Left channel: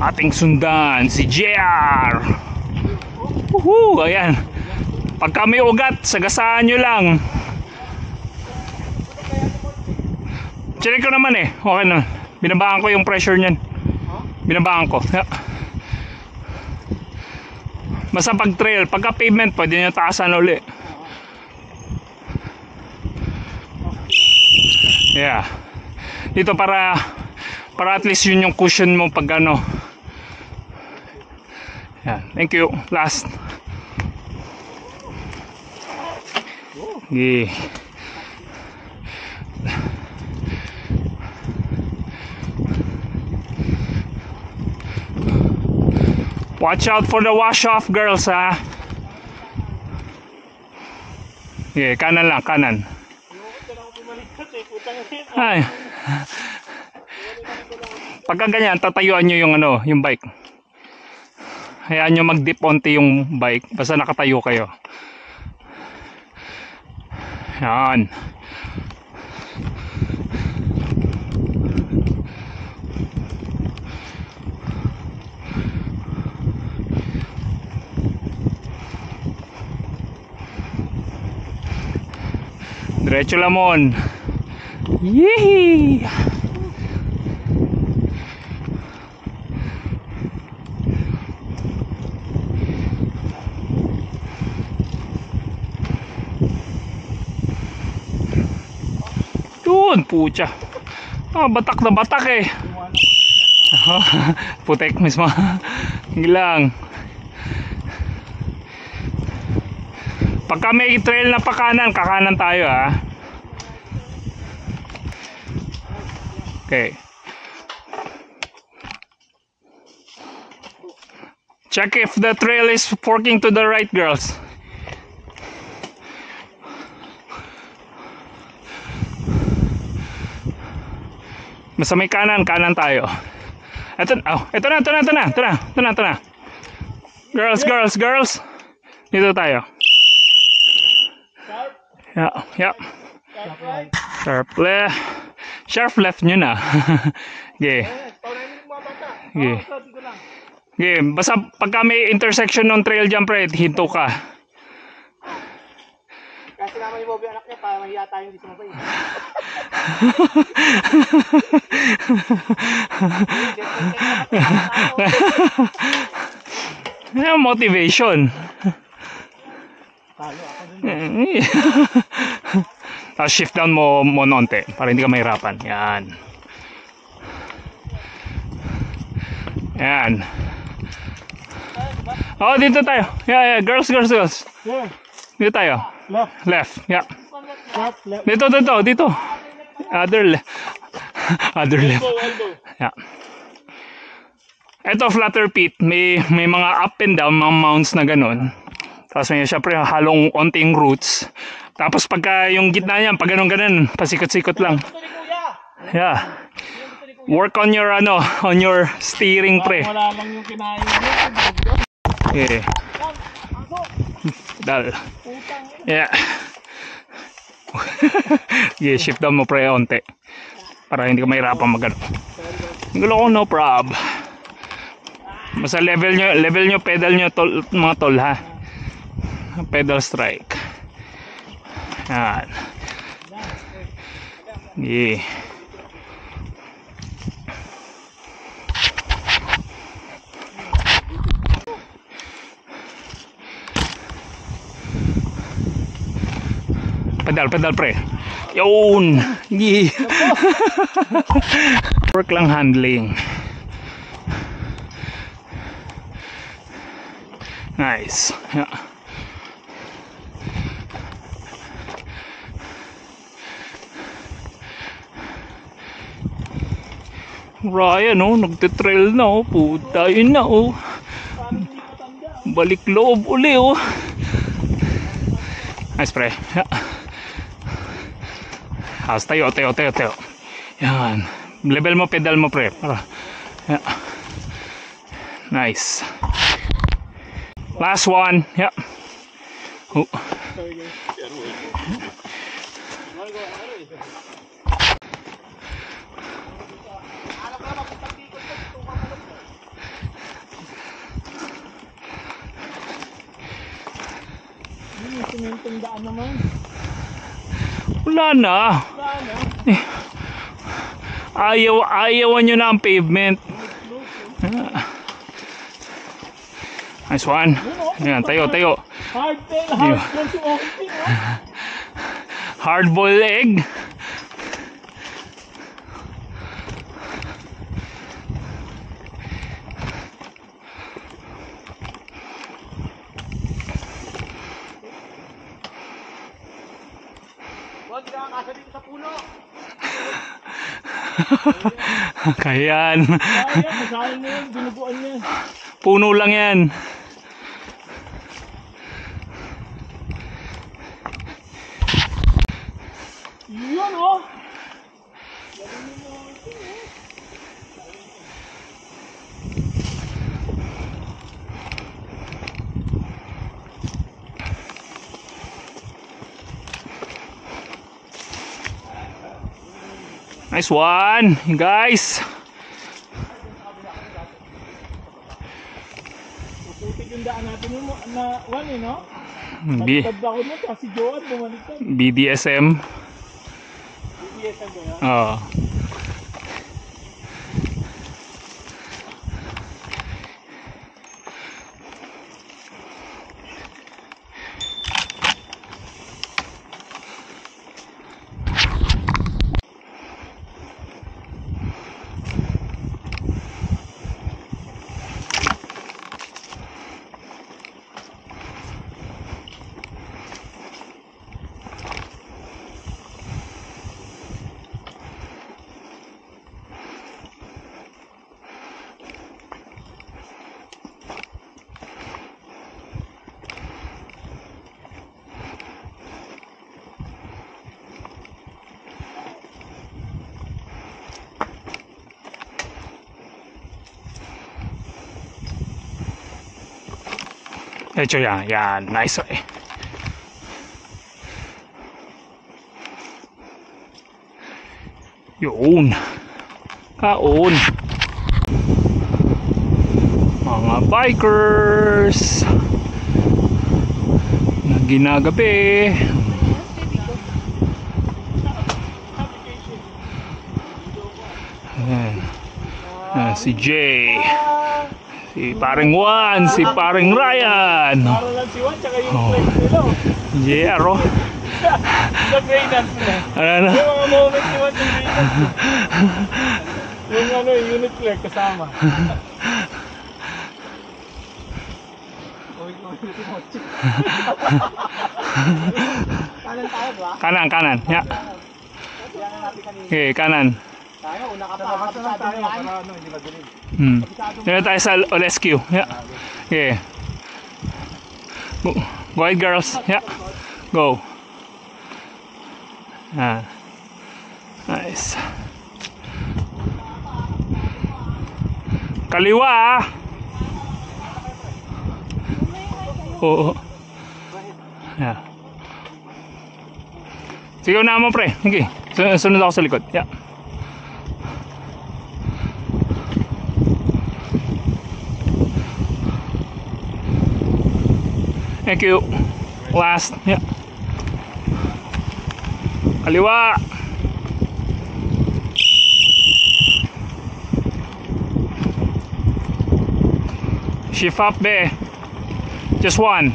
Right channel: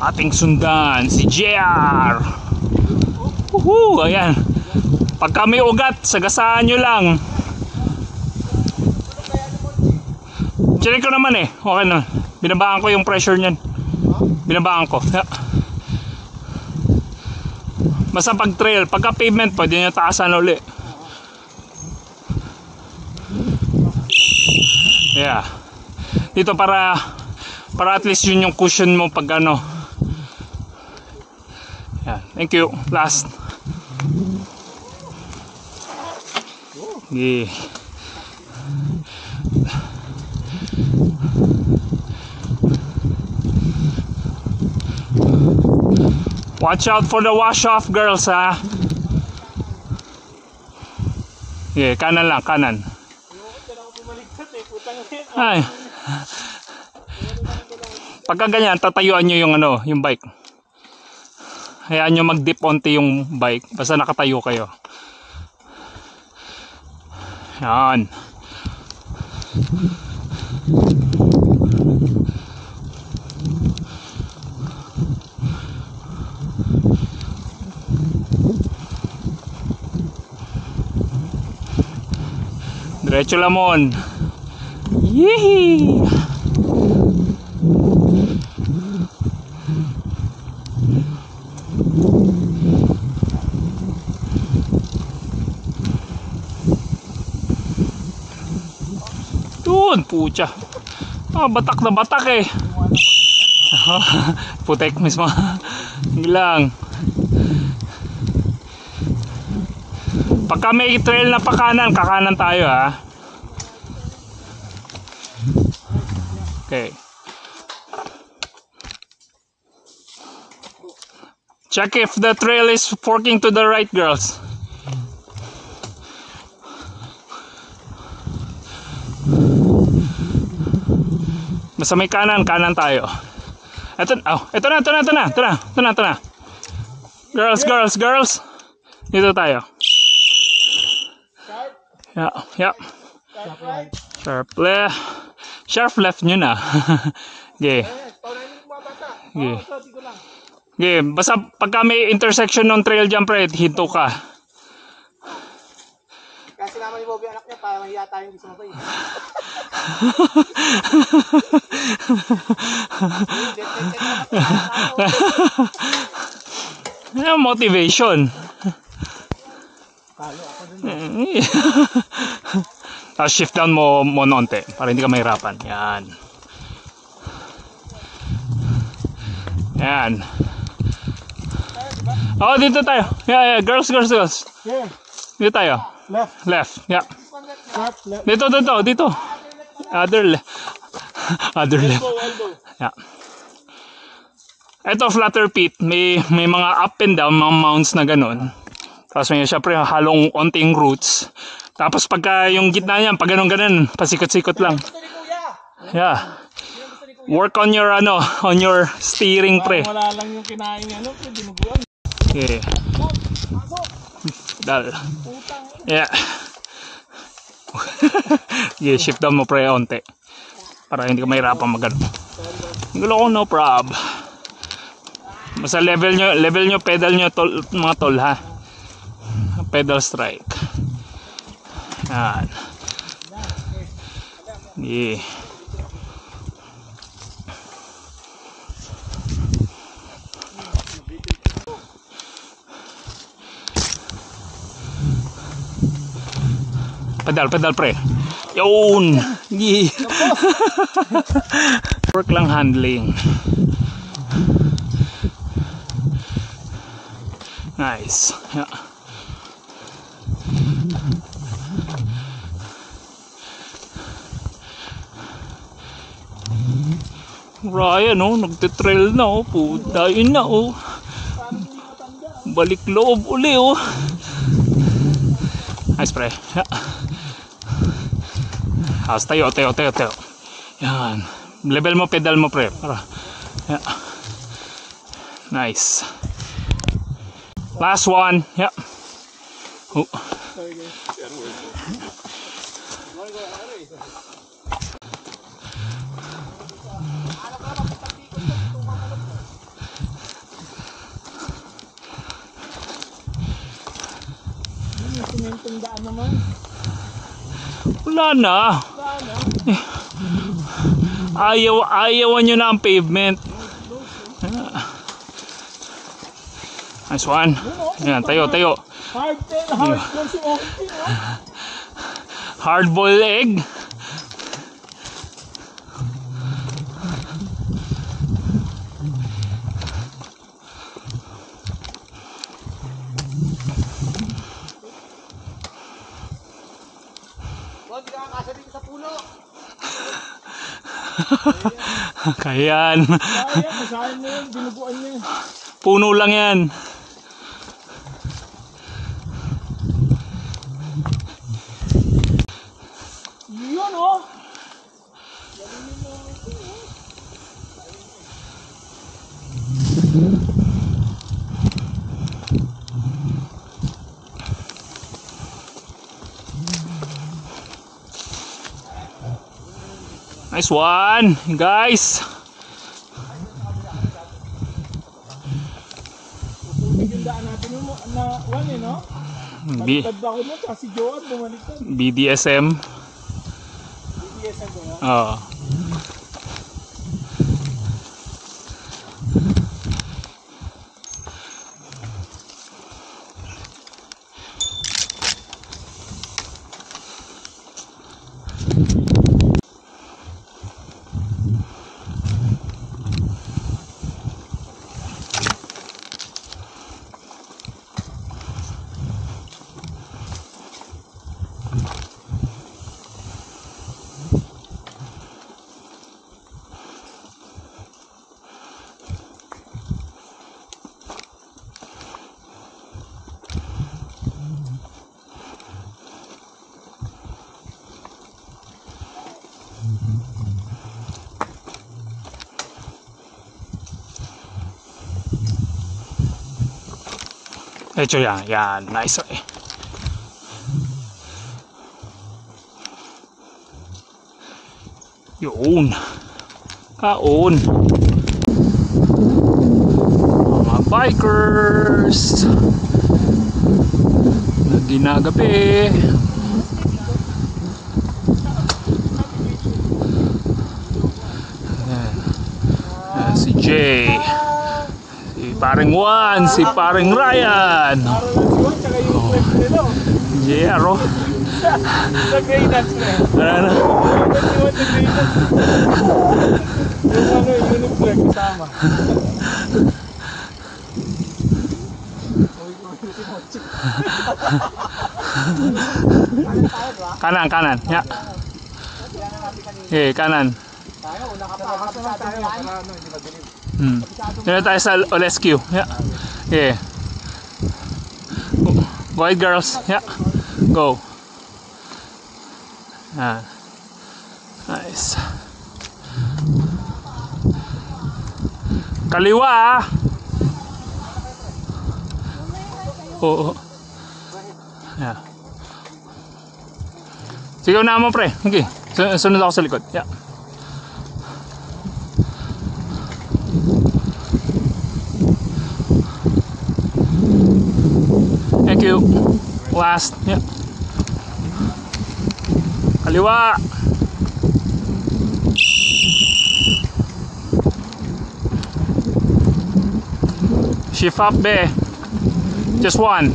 ating sundan, si JR. Woohoo! Ayan. Pagka may ugat, sagasaan nyo lang. Check ko naman eh. Okay na. Binabaan ko yung pressure nyan. Binabaan ko. Basta pag trail, pagka pavement, pwede nyo taasan uli. Yeah. Dito para at least yun yung cushion mo pag ano. Yeah. Thank you. Last. Yeah. Watch out for the wash off, girls, ha. Yeah, kanan lang, kanan. Ay. Pagka ganyan, tatayuan nyo yung ano, yung bike. Hayaan nyo mag-dip onti yung bike basta nakatayo kayo. Yan. Diretso lamon. Yee! Doon, pucha. Batak na batak eh. Putek mismo. Hilang. Pagka may trail na pakanan, kakanan tayo, ha. Okay. Check if the trail is forking to the right, girls. Basta may kanan, kanan tayo. Ito na. Girls. Dito tayo. Yeah. Sharp left nyo na. Okay. Okay. Basta pagka may intersection ng trail dyan, pre, hinto ka. Kasi naman yung Bobby anak niya, para mahiya tayo hindi sumabay. Motivation. Talo ako dun. Tapos shift down mo nonte para hindi ka mahirapan. Yan. Oh, dito tayo. Yeah. Girls. Dito tayo. Left. Yeah. Dito. Other left. Yeah. Ito flatter pit, may mga up and down, mga mounts na ganun. Tapos may syempre halong onting roots. Tapos pagka yung gitna niyan, pag ganun, pasikot-sikot lang. Yeah. Work on your on your steering, pre. Wala lang yung kinain niya. Yeah. Dal. Yeah. Yeah, shift down mo, pre, onte. Para hindi ka mahirapan magano. Gulo ko, no prob. Basta level nyo, pedal nyo, mga tol, ha. Pedal strike. Yan. Yeah. Pedal, pre. Yun. Yeah. Work lang handling. Nice. Yeah. Ryan, nagtitrail na, puta, yun na, balik loob uli, nice, pre. Yeah. Tayo. Yan. Level mo, pedal mo, pre. Para. Yeah. Nice. Last one. Yeah. itong daan naman. Wala na. Sana. Ayawan nyo na ang pavement. Nice one. Ayan, tayo. Hard ball si Oki, no? Hard boiled egg. Huwag ka kakasa dito sa puno. Kayan. Kaya, masahin mo yun, binubuan niya. Puno lang yan. Yun, oh! Nice one, guys. Pupunig yung daan natin yung na one, eh, no? B Baliktad ako nun, kasi Joan bumaliktad. BDSM. BBSM ko yan. Oo. Ito yan, nice eh. Yun. Kaon. Mga bikers na ginagabi. Si Jay, si paring Juan, si paring Ryan. Para lang si Juan, tsaka yung flex nila. Jero. Sa Greylands na. Ano? Yung mga moment si Juan sa Greylands. Yung unit flex kasama. Kanan. Ya. Okay, kanan. Tayo, una ka pa. Kapasama tayo. Para ano, hindi madilim. Dito tayo sa Olescu. Yeah. Okay. Go ahead, girls. Yeah. Go. Nice. Kaliwa ah. Oo. Yeah. Sigaw na mo pre. Okay. Sunod ako sa likod. Yeah. Thank you. Last. Yeah. Kaliwa. Shift up be. Just one.